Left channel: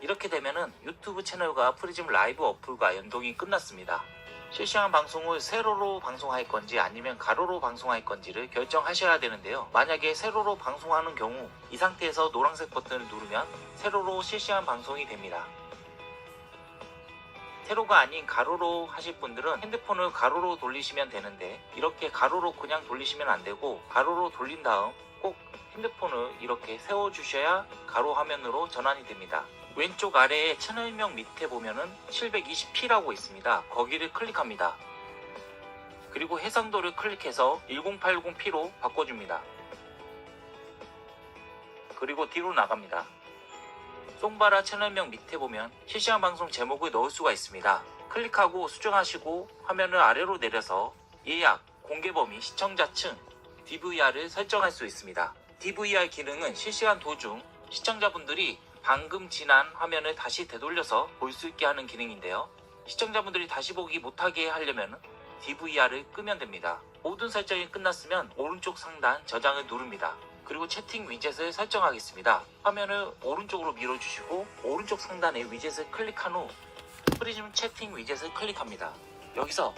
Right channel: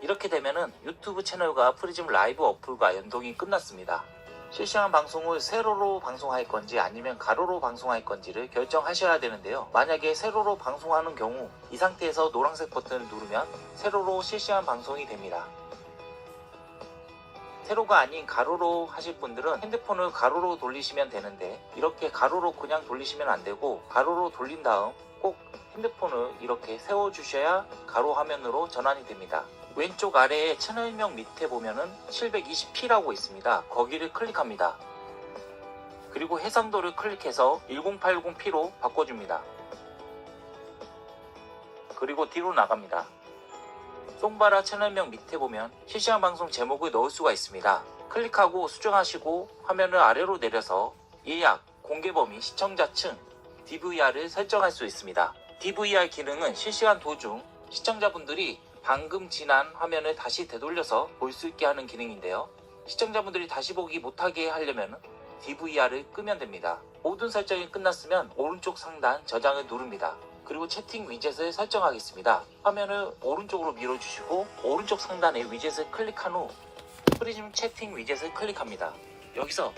이렇게 되면은 유튜브 채널과 프리즘 라이브 어플과 연동이 끝났습니다. 실시간 방송을 세로로 방송할 건지 아니면 가로로 방송할 건지를 결정하셔야 되는데요. 만약에 세로로 방송하는 경우 이 상태에서 노란색 버튼을 누르면 세로로 실시간 방송이 됩니다. 세로가 아닌 가로로 하실 분들은 핸드폰을 가로로 돌리시면 되는데 이렇게 가로로 그냥 돌리시면 안 되고 가로로 돌린 다음 꼭 핸드폰을 이렇게 세워 주셔야 가로 화면으로 전환이 됩니다. 왼쪽 아래에 채널명 밑에 보면은 720p라고 있습니다. 거기를 클릭합니다. 그리고 해상도를 클릭해서 1080p로 바꿔줍니다. 그리고 뒤로 나갑니다. 송바라 채널명 밑에 보면 실시간 방송 제목을 넣을 수가 있습니다. 클릭하고 수정하시고 화면을 아래로 내려서 예약, 공개 범위, 시청자 층, DVR을 설정할 수 있습니다. DVR 기능은 실시간 도중 시청자분들이 방금 지난 화면을 다시 되돌려서 볼 수 있게 하는 기능인데요. 시청자분들이 다시 보기 못하게 하려면 DVR을 끄면 됩니다. 모든 설정이 끝났으면 오른쪽 상단 저장을 누릅니다. 그리고 채팅 위젯을 설정하겠습니다. 화면을 오른쪽으로 밀어주시고 오른쪽 상단에 위젯을 클릭한 후 프리즘 채팅 위젯을 클릭합니다. 여기서